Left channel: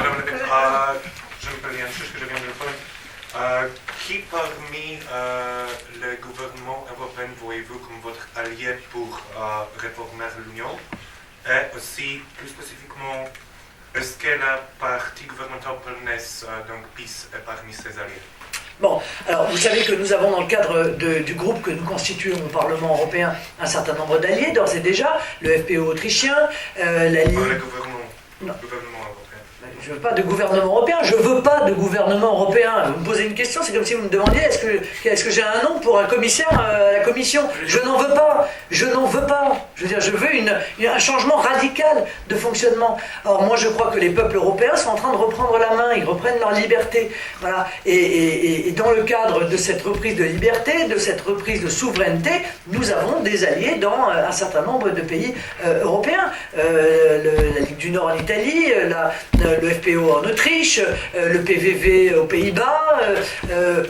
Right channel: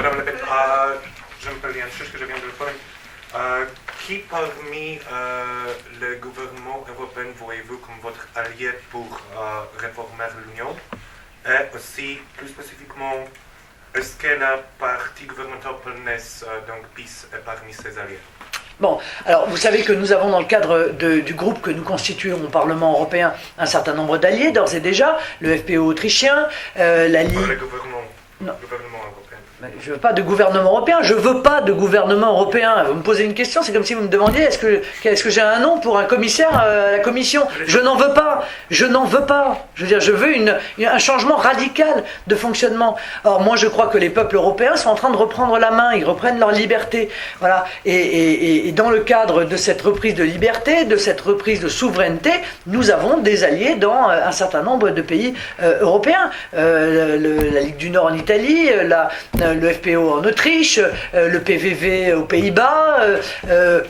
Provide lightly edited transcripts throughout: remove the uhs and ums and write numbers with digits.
Madame Le Pen, je m'appelle Yann Schuch, que je viens de le qui parmi le gouvernement européen voyez-vous comme votre allié pour réformer l'Union? Et aussi, plus spécifiquement, est-ce que la partie gouvernementale polonaise, donc PiS, est parmi ses alliés? Bon, alors vous savez que nous avons dans le cadre du groupe que nous constituons au Parlement européen un certain nombre d'alliés, d'ores et déjà, le FPÖ autrichien, la Ligue... Le gouvernement européen. Je veux pas de gouvernement européen, je veux pas de gouvernement européen. Vous me posez une question, c'est comme si vous me demandiez est-ce que j'ai un nom pour un commissaire à la Commission? Je n'en veux pas, je n'en veux pas. Je veux dire, je veux un changement radical de fonctionnement. Or, moi, je crois que les peuples européens sont en train de reprendre la main, ils reprennent leur liberté. Voilà. Et dans le cadre de cette reprise de liberté, de cette reprise de souveraineté, nous avons des alliés dans un certain nombre de pays européens. La Ligue du Nord en Italie, le FPÖ en Autriche, le PVV aux Pays-Bas,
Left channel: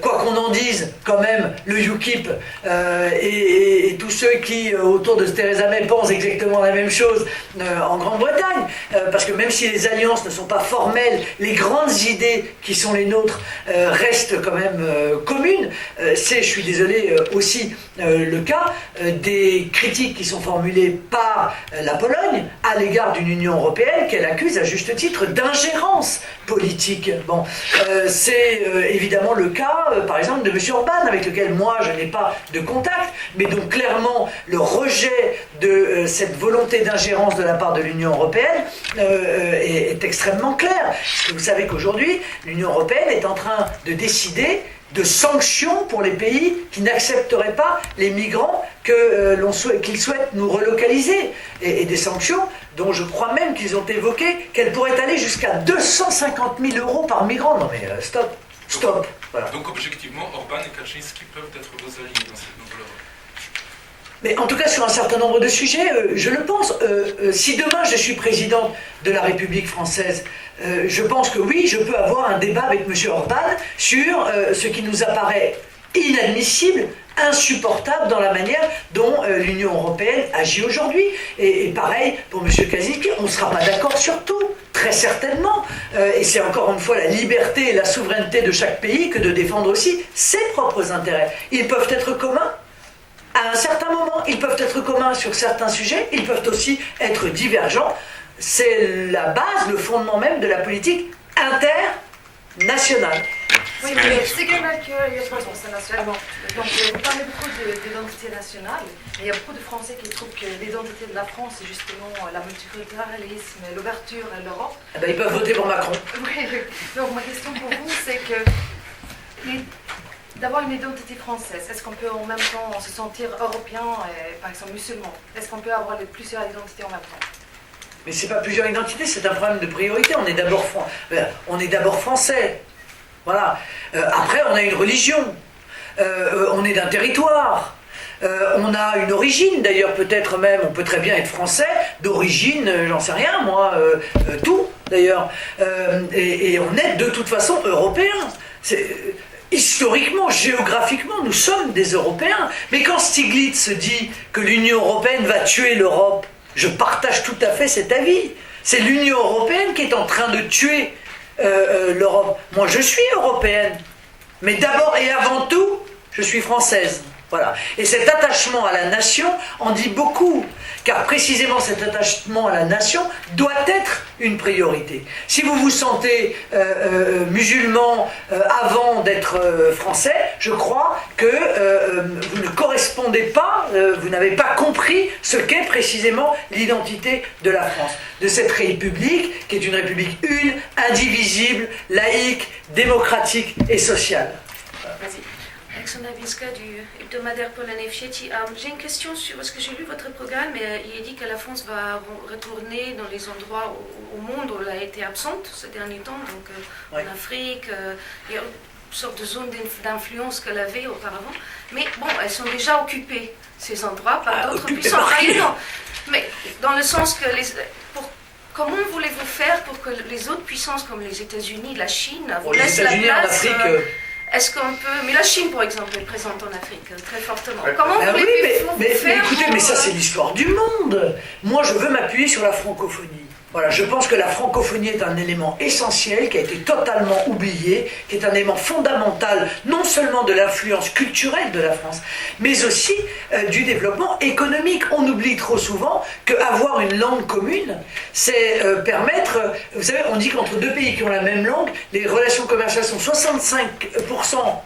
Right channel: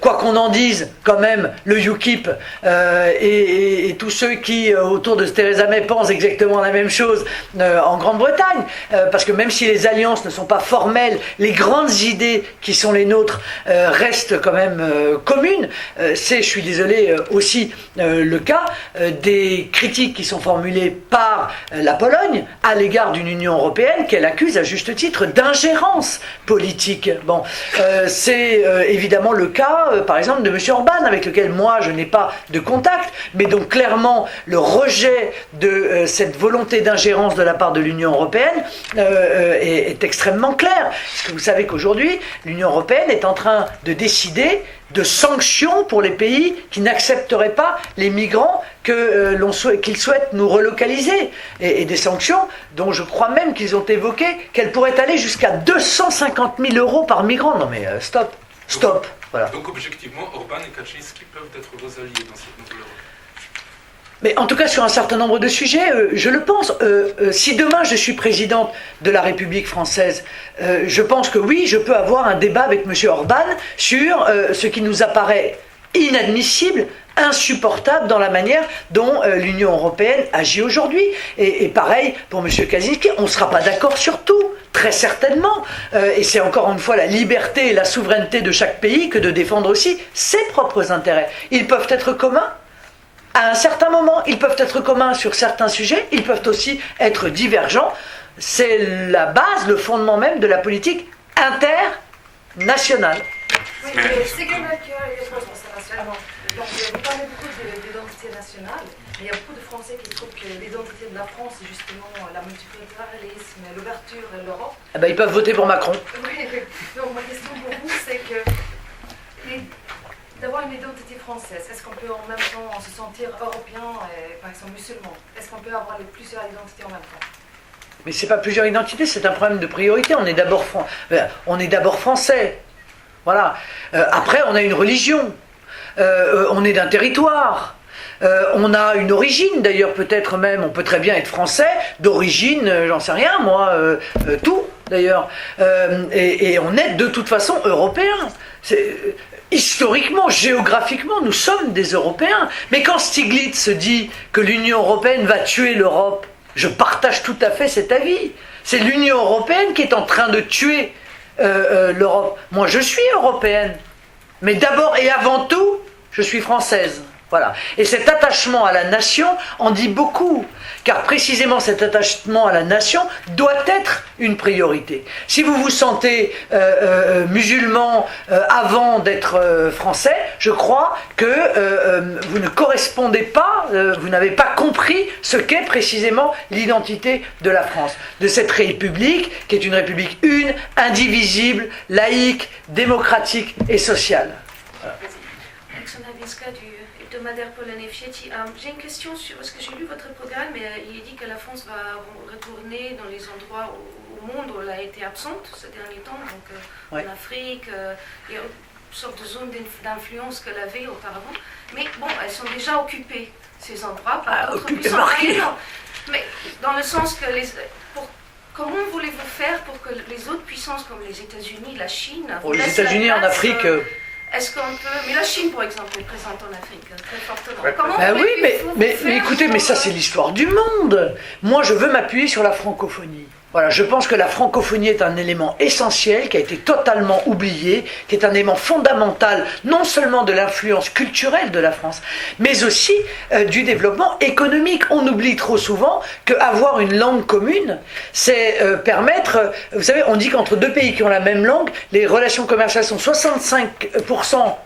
quoi qu'on en dise, quand même, le UKIP et tous ceux qui, autour de Theresa May, pensent exactement la même chose en Grande-Bretagne, parce que même si les alliances ne sont pas formelles, les grandes idées qui sont les nôtres restent quand même communes. C'est, je suis désolé, aussi le cas des critiques qui sont formulées par la Pologne à l'égard d'une Union européenne qu'elle accuse à juste titre d'ingérence politique. Bon, c'est évidemment le cas, par exemple, de M. Orban, avec lequel moi je n'ai pas de contact, mais donc clairement le rejet de cette volonté d'ingérence de la part de l'Union européenne est extrêmement clair. Parce que vous savez qu'aujourd'hui, l'Union européenne est en train de décider de sanctions pour les pays qui n'accepteraient pas les migrants qu'ils souhaitent nous relocaliser. Et des sanctions dont je crois même qu'ils ont évoqué qu'elles pourraient aller jusqu'à 250 000 € par migrant. Non mais stop. Voilà. Donc objectivement, Orban et Kaczynski peuvent être vos alliés dans cette nouvelle Europe. Mais en tout cas, sur un certain nombre de sujets, je le pense. Si demain je suis présidente de la République française, je pense que oui, je peux avoir un débat avec M. Orban sur ce qui nous apparaît inadmissible, insupportable dans la manière dont l'Union européenne agit aujourd'hui. Et pareil pour M. Kaczynski, on ne sera pas d'accord sur tout, très certainement. Et c'est encore une fois la liberté et la souveraineté de chaque pays que de défendre aussi ses propres intérêts. Ils peuvent être communs. À un certain moment, ils peuvent être communs sur certains sujets, ils peuvent aussi être divergents. C'est la base, le fondement même de la politique internationale. Oui, mais c'est que internationalement. Donc, vous parlez beaucoup d'identité nationale, mais il y a beaucoup de Français qui trouvent que l'identité de la France, c'est justement la multiculturalisme, l'ouverture à l'Europe. Eh ben, ils peuvent voter pour Macron. Oui, donc ma question pour vous, c'est que d'avoir une identité française, est-ce qu'on peut en même temps se sentir européen et par exemple musulman? Est-ce qu'on peut avoir plusieurs identités en même temps? Mais c'est pas plusieurs identités, c'est un problème de priorité. On est d'abord français. Voilà. Après, on a une religion. On est d'un territoire. On a une origine, d'ailleurs, peut-être même, on peut très bien être français, d'origine, j'en sais rien, moi, tout, d'ailleurs. Et on est de toute façon européens. Historiquement, géographiquement, nous sommes des Européens. Mais quand Stiglitz dit que l'Union européenne va tuer l'Europe, je partage tout à fait cet avis. C'est l'Union européenne qui est en train de tuer l'Europe. Moi, je suis européenne. Mais d'abord et avant tout, je suis française. Voilà. Et cet attachement à la nation en dit beaucoup, car précisément cet attachement à la nation doit être une priorité. Si vous vous sentez musulman avant d'être français, je crois que vous ne correspondez pas, vous n'avez pas compris ce qu'est précisément l'identité de la France, de cette république qui est une république une, indivisible, laïque, démocratique et sociale. Voilà. Alexandra Winska du hebdomadaire polonais Wsieci. J'ai une question sur, parce que j'ai lu votre programme et il est dit que la France va retourner dans les endroits au monde où elle a été absente ces derniers temps, donc en Afrique, il y a une sorte de zone d'influence qu'elle avait auparavant. Mais bon, elles sont déjà occupées, ces endroits, par d'autres puissances. Mais dans le sens que comment voulez-vous faire pour que les autres puissances comme les États-Unis, la Chine, les États-Unis en Afrique. Est-ce qu'on peut... Mais la Chine, par exemple, est présente en Afrique, très fortement. Ouais. Comment mais écoutez, mais ça c'est l'histoire du monde. Moi, je veux m'appuyer sur la francophonie. Voilà, je pense que la francophonie est un élément essentiel qui a été totalement oublié, qui est un élément fondamental non seulement de l'influence culturelle de la France, mais aussi du développement économique. On oublie trop souvent qu'avoir une langue commune, c'est permettre... Vous savez, on dit qu'entre deux pays qui ont la même langue, les relations commerciales sont 65%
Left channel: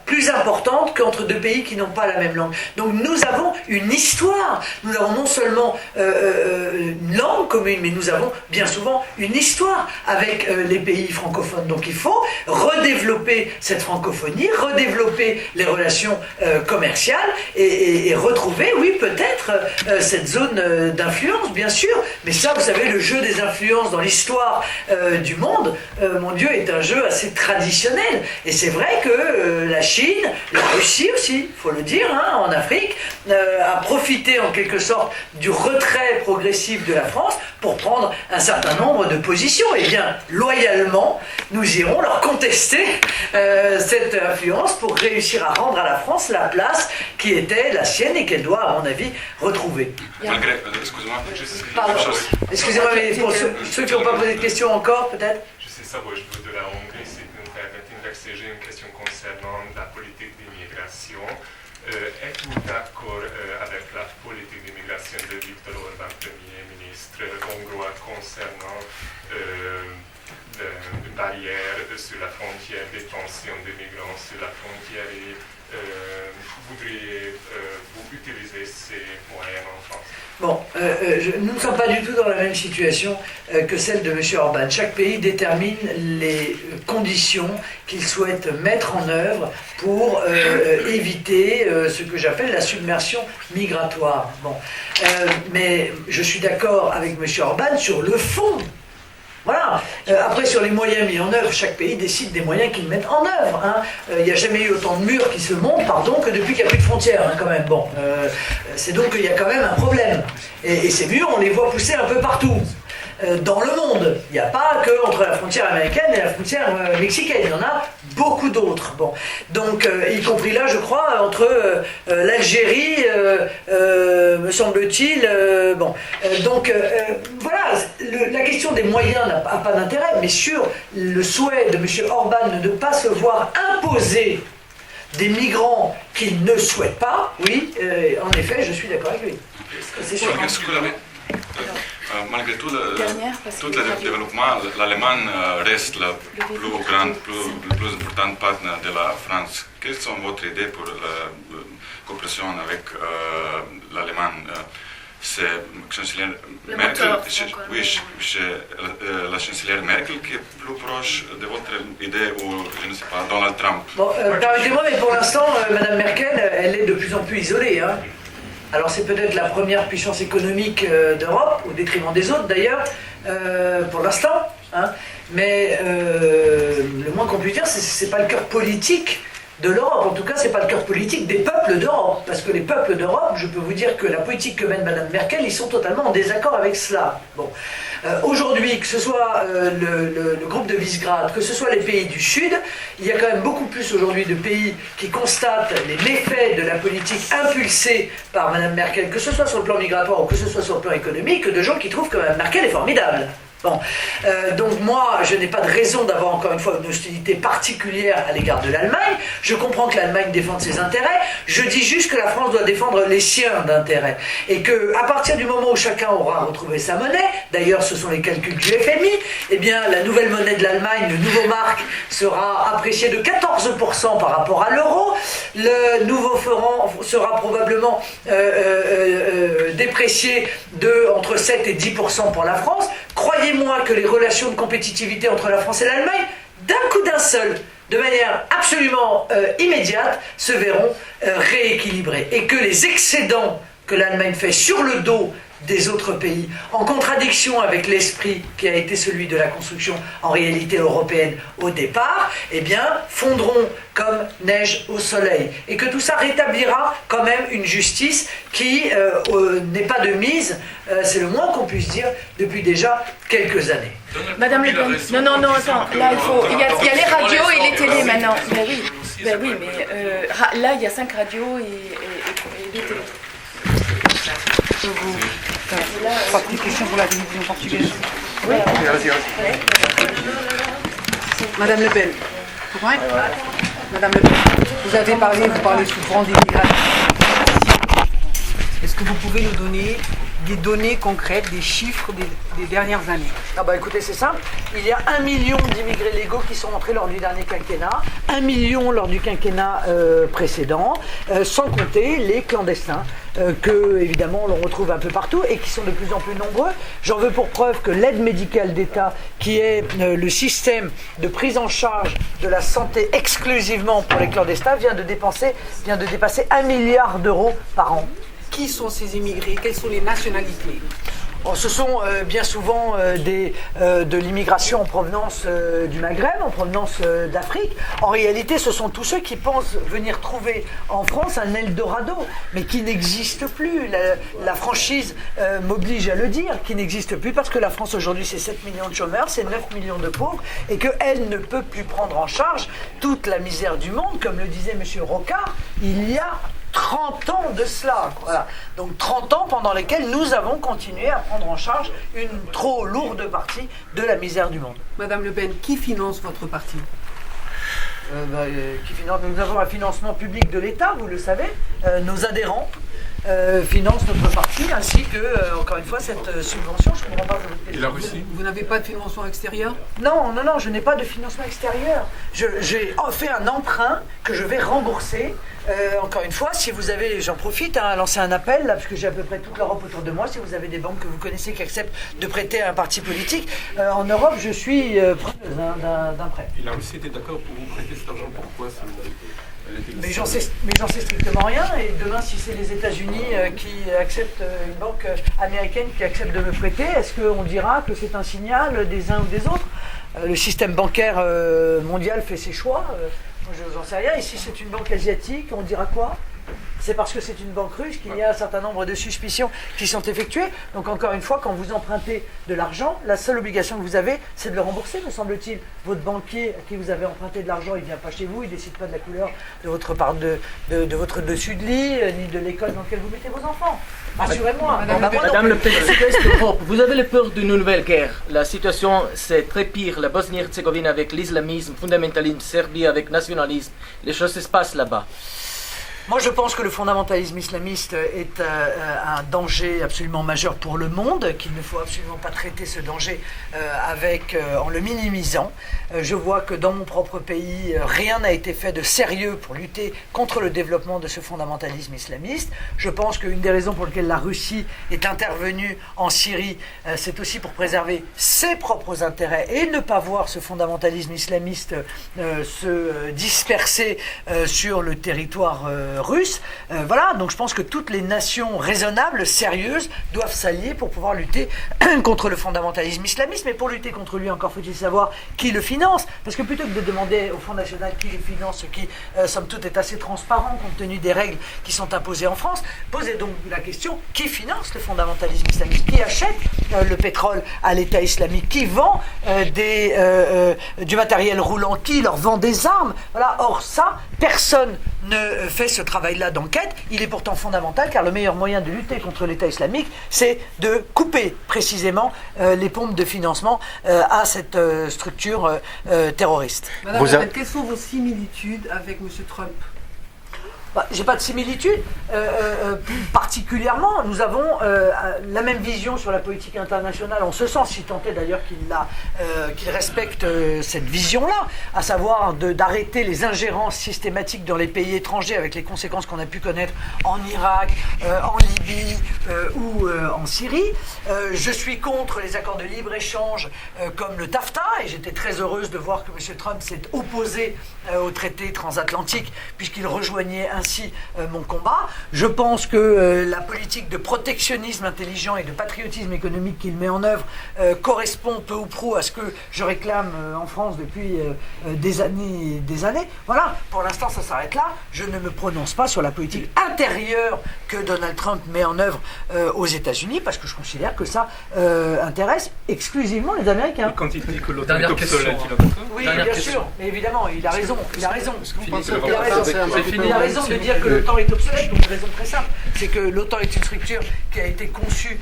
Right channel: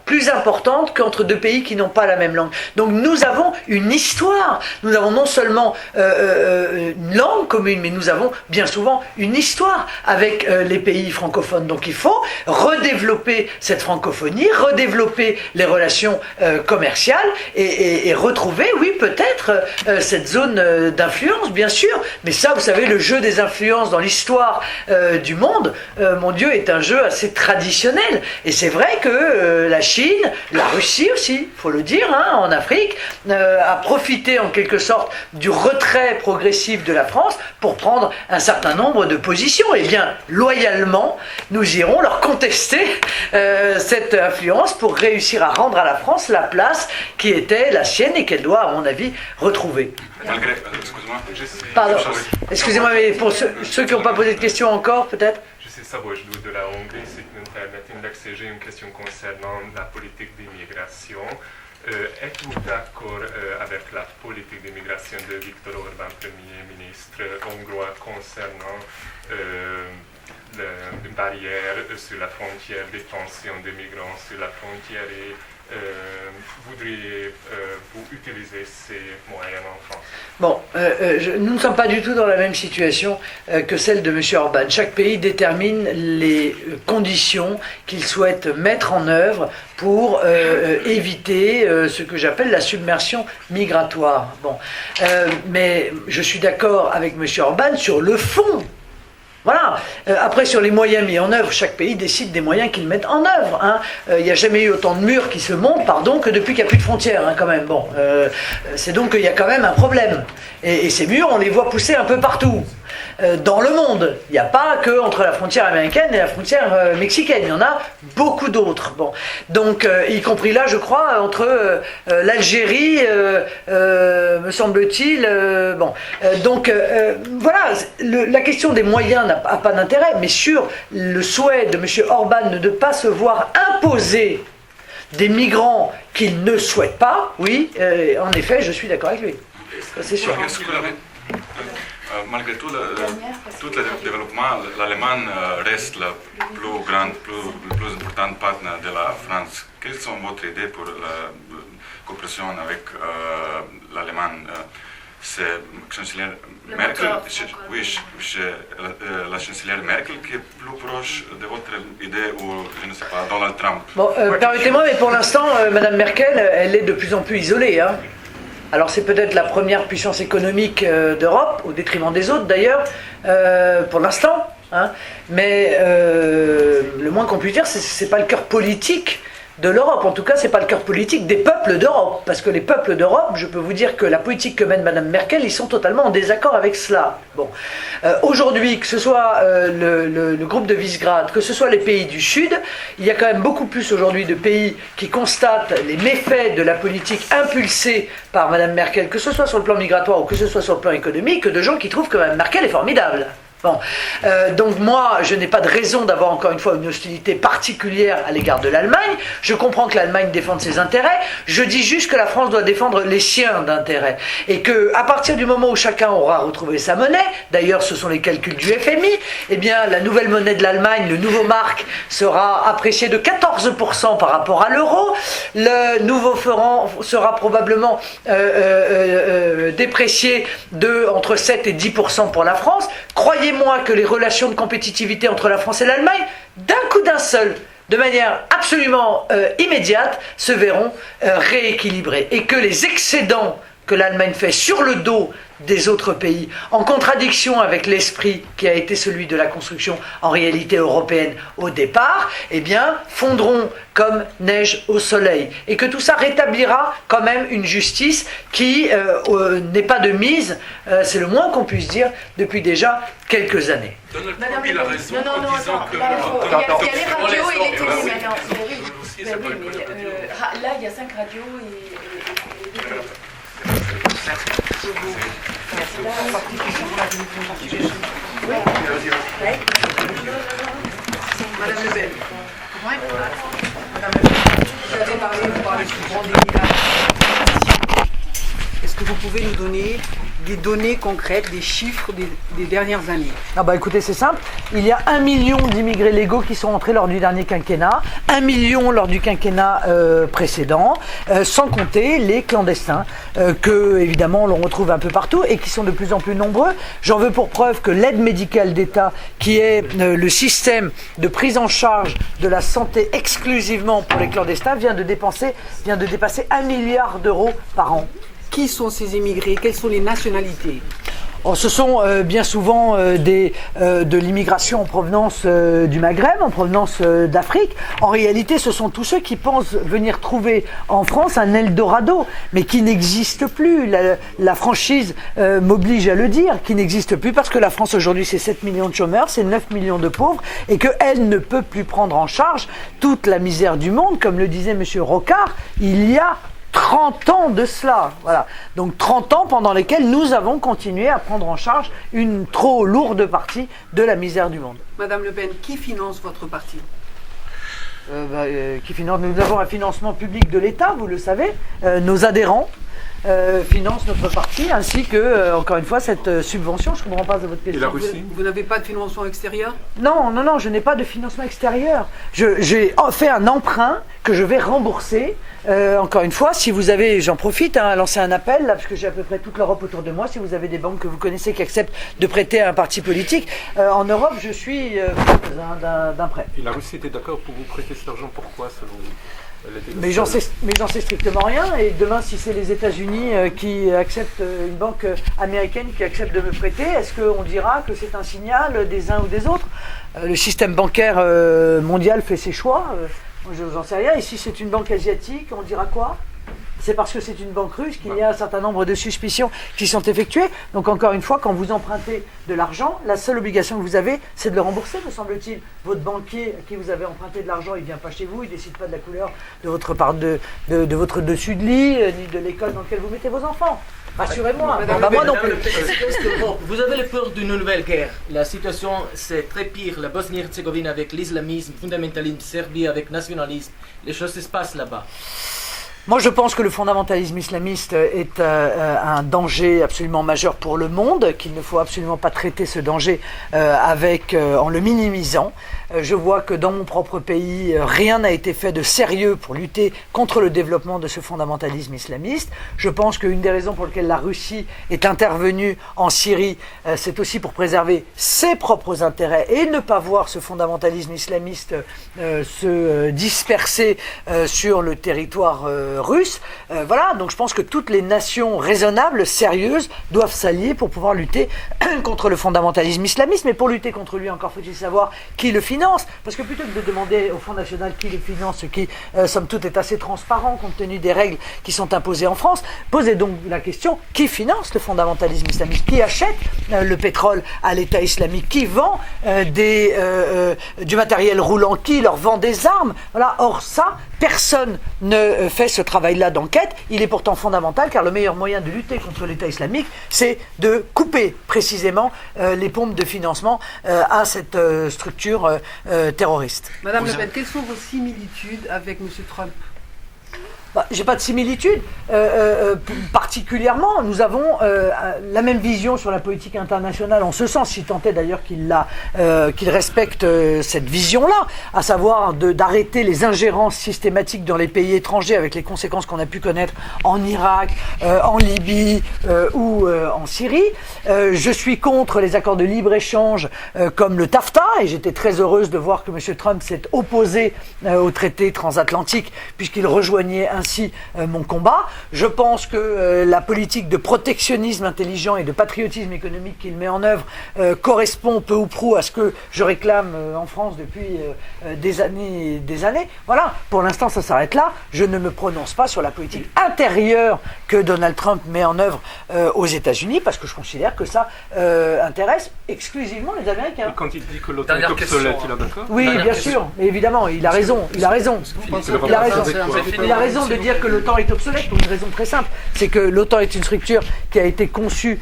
plus importantes qu'entre deux pays qui n'ont pas la même langue. Donc nous avons une histoire, nous avons non seulement une langue commune, mais nous avons bien souvent une histoire avec les pays francophones. Donc il faut redévelopper cette francophonie, redévelopper les relations commerciales et retrouver, oui, peut-être cette zone d'influence, bien sûr. Mais ça, vous savez, le jeu des influences dans l'histoire du monde, mon Dieu, est un jeu assez traditionnel. Et c'est vrai que la Chine, la Russie aussi, il faut le dire, hein, en Afrique, a profité en quelque sorte du retrait progressif de la France pour prendre un certain nombre de positions. Et bien, loyalement, nous irons leur contester cette influence pour réussir à rendre à la France la place qui était la sienne et qu'elle doit, à mon avis, retrouver. Excuse-moi. Pardon, excusez-moi, mais pour ceux qui n'ont pas posé de questions encore, peut-être. Je sais ça, moi, je dois de la Hongrie, c'est j'ai une question concernant la politique d'immigration. Êtes-vous d'accord avec la politique d'immigration de Viktor Orbán, Premier ministre hongrois, concernant une barrière sur la frontière, détention des migrants sur la frontière et voudriez-vous utiliser ces moyens en France? Bon, nous ne sommes pas du tout dans la même situation que celle de M. Orbán. Chaque pays détermine les conditions qu'il souhaite mettre en œuvre pour éviter ce que j'appelle la submersion migratoire. Bon, mais je suis d'accord avec M. Orbán sur le fond. Voilà. Après, sur les moyens mis en œuvre, chaque pays décide des moyens qu'il met en œuvre. Hein. Il n'y a jamais eu autant de murs qui se montent, que depuis qu'il n'y a plus de frontières, hein, quand même. Bon, c'est donc qu'il y a quand même un problème. Et ces murs, on les voit pousser un peu partout. Dans le monde, il n'y a pas que entre la frontière américaine et la frontière mexicaine, il y en a beaucoup d'autres. Bon, donc y compris là, je crois, entre l'Algérie, me semble-t-il. Voilà, la question des moyens n'a pas d'intérêt, mais sur le souhait de M. Orbán de ne pas se voir imposer des migrants qu'il ne souhaite pas, oui, en effet, je suis d'accord avec lui. C'est sûr. Malgré tout le développement, l'Allemagne reste le plus important partenaire de la France. Quelles sont votre idées pour la coopération avec l'Allemagne? C'est chancelière Merkel, la chancelière Merkel qui est plus proche de votre idée ou, je ne sais pas, Donald Trump? Bon, permettez-moi, mais pour l'instant, Mme Merkel, elle est de plus en plus isolée, hein. Alors c'est peut-être la première puissance économique d'Europe, au détriment des autres d'ailleurs, pour l'instant. Hein. Mais le moins qu'on puisse dire, c'est pas le cœur politique de l'Europe. En tout cas, c'est pas le cœur politique des peuples d'Europe. Parce que les peuples d'Europe, je peux vous dire que la politique que mène Mme Merkel, ils sont totalement en désaccord avec cela. Bon. Aujourd'hui, que ce soit le groupe de Visegrad, que ce soit les pays du Sud, il y a quand même beaucoup plus aujourd'hui de pays qui constatent les méfaits de la politique impulsée par Mme Merkel, que ce soit sur le plan migratoire ou que ce soit sur le plan économique, que de gens qui trouvent que Mme Merkel est formidable. Bon. Donc moi, je n'ai pas de raison d'avoir encore une fois une hostilité particulière à l'égard de l'Allemagne. Je comprends que l'Allemagne défende ses intérêts. Je dis juste que la France doit défendre les siens d'intérêt. Et qu'à partir du moment où chacun aura retrouvé sa monnaie, d'ailleurs ce sont les calculs du FMI, eh bien la nouvelle monnaie de l'Allemagne, le nouveau mark, sera apprécié de 14% par rapport à l'euro. Le nouveau franc sera probablement déprécié de entre 7 et 10% pour la France. Croyez-moi que les relations de compétitivité entre la France et l'Allemagne, d'un coup d'un seul, de manière absolument immédiate, se verront rééquilibrées. Et que les excédents que l'Allemagne fait sur le dos des autres pays, en contradiction avec l'esprit qui a été celui de la construction en réalité européenne au départ, eh bien, fondront comme neige au soleil. Et que tout ça rétablira quand même une justice qui n'est pas de mise, c'est le moins qu'on puisse dire, depuis déjà quelques années. Madame Le Pen, Non, attends, là, il y a les radios et les télés maintenant. Mais oui, là, il y a 5 radios et les télés. Pas de question pour la télévision portugaise. Madame Le Pen. Ouais. Madame Le Pen, vous parlez souvent d'immigration. Est-ce que vous pouvez nous donner des données concrètes, des chiffres des dernières années? Ah bah écoutez, c'est simple. Il y a 1 million d'immigrés légaux qui sont entrés lors du dernier quinquennat, 1 million lors du quinquennat précédent, sans compter les clandestins que, évidemment, l'on retrouve un peu partout et qui sont de plus en plus nombreux. J'en veux pour preuve que l'aide médicale d'État, qui est le système de prise en charge de la santé exclusivement pour les clandestins, vient de dépasser 1 milliard d'euros par an. Qui sont ces immigrés? Quelles sont les nationalités? Oh, ce sont bien souvent de l'immigration en provenance du Maghreb, en provenance d'Afrique. En réalité, ce sont tous ceux qui pensent venir trouver en France un Eldorado, mais qui n'existe plus. La franchise m'oblige à le dire, qui n'existe plus parce que la France aujourd'hui, c'est 7 millions de chômeurs, c'est 9 millions de pauvres, et qu'elle ne peut plus prendre en charge toute la misère du monde. Comme le disait M. Rocard, il y a 30 ans de cela, voilà. Donc 30 ans pendant lesquels nous avons continué à prendre en charge une trop lourde partie de la misère du monde. Madame Le Pen, qui finance votre parti? Qui finance? Nous avons un financement public de l'État, vous le savez. Nos adhérents financent notre parti, ainsi que, encore une fois, cette subvention. Je ne comprends pas votre question. Et la Russie? Vous n'avez pas de financement extérieur? Non, je n'ai pas de financement extérieur. J'ai fait un emprunt que je vais rembourser. Encore une fois, si vous avez, j'en profite à lancer un appel, là, parce que j'ai à peu près toute l'Europe autour de moi, si vous avez des banques que vous connaissez qui acceptent de prêter à un parti politique, en Europe, je suis d'un prêt. Et la Russie était d'accord pour vous prêter cet argent, pourquoi selon vous? Mais j'en sais strictement rien, et demain, si c'est les États-Unis qui acceptent, une banque américaine qui accepte de me prêter, est-ce qu'on dira que c'est un signal des uns ou des autres? Le système bancaire mondial fait ses choix. Je vous en sais rien. Ici, c'est une banque asiatique. On dira quoi? C'est parce que c'est une banque russe qu'il y a un certain nombre de suspicions qui sont effectuées. Donc, encore une fois, quand vous empruntez de l'argent, la seule obligation que vous avez, c'est de le rembourser, me semble-t-il. Votre banquier à qui vous avez emprunté de l'argent, il ne vient pas chez vous, il ne décide pas de la couleur de votre dessus de lit, ni de l'école dans laquelle vous mettez vos enfants. Rassurez-moi. Madame Le Pen, est-ce que vous avez peur d'une nouvelle guerre? La situation, c'est très pire. La Bosnie-Herzégovine avec l'islamisme, fondamentalisme, Serbie avec nationalisme. Les choses se passent là-bas. Moi, je pense que le fondamentalisme islamiste est un danger absolument majeur pour le monde, qu'il ne faut absolument pas traiter ce danger en le minimisant. Je vois que dans mon propre pays, rien n'a été fait de sérieux pour lutter contre le développement de ce fondamentalisme islamiste. Je pense qu'une des raisons pour lesquelles la Russie est intervenue en Syrie, c'est aussi pour préserver ses propres intérêts et ne pas voir ce fondamentalisme islamiste se disperser sur le territoire russe. Voilà, donc je pense que toutes les nations raisonnables, sérieuses, doivent s'allier pour pouvoir lutter contre le fondamentalisme islamiste. Mais pour lutter contre lui, encore faut-il savoir qui le finance. Parce que plutôt que de demander au Front National qui le finance, ce qui, somme toute, est assez transparent compte tenu des règles qui sont imposées en France, posez donc la question, qui finance le fondamentalisme islamiste? Qui achète le pétrole à l'État islamique? Qui vend du matériel roulant? Qui leur vend des armes? Voilà. Or ça, personne ne fait ce travail-là d'enquête. Il est pourtant fondamental, car le meilleur moyen de lutter contre l'État islamique, c'est de couper précisément les pompes de financement à cette structure terroriste. Madame Le Pen, quelles sont vos similitudes avec M. Trump? J'ai pas de similitude. Particulièrement, nous avons la même vision sur la politique internationale, en ce sens, si tant est d'ailleurs qu'il respecte cette vision-là, à savoir d'arrêter les ingérences systématiques dans les pays étrangers avec les conséquences qu'on a pu connaître en Irak, en Libye ou en Syrie. Je suis contre les accords de libre-échange comme le TAFTA, et j'étais très heureuse de voir que M. Trump s'est opposé au traité transatlantique puisqu'il rejoignait ainsi mon combat. Je pense que la politique de protectionnisme intelligent et de patriotisme économique qu'il met en œuvre correspond peu ou prou à ce que je réclame en France depuis des années et des années. Voilà, pour l'instant ça s'arrête là. Je ne me prononce pas sur la politique intérieure que Donald Trump met en œuvre aux États-Unis, parce que je considère que ça intéresse exclusivement les Américains. Et quand il dit que l'OTAN est obsolète, il est d'accord? Oui, bien sûr, mais évidemment, il a raison. Il a raison. Il a raison de dire que l'OTAN est obsolète pour une raison très simple. C'est que l'OTAN est une structure qui a été conçue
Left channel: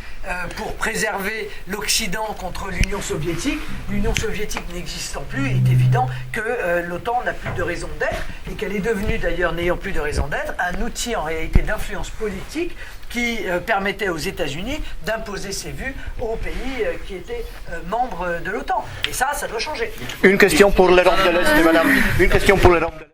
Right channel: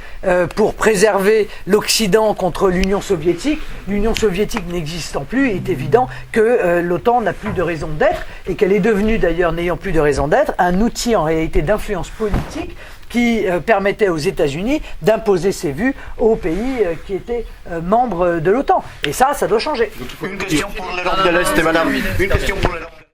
pour préserver l'Occident contre l'Union soviétique. L'Union soviétique n'existant plus, il est évident que l'OTAN n'a plus de raison d'être et qu'elle est devenue d'ailleurs, n'ayant plus de raison d'être, un outil en réalité d'influence politique qui permettait aux États-Unis d'imposer ses vues aux pays qui étaient membres de l'OTAN. Et ça doit changer. Une question pour l'Europe de l'Est, madame. Une question pour l'Europe de l'Est.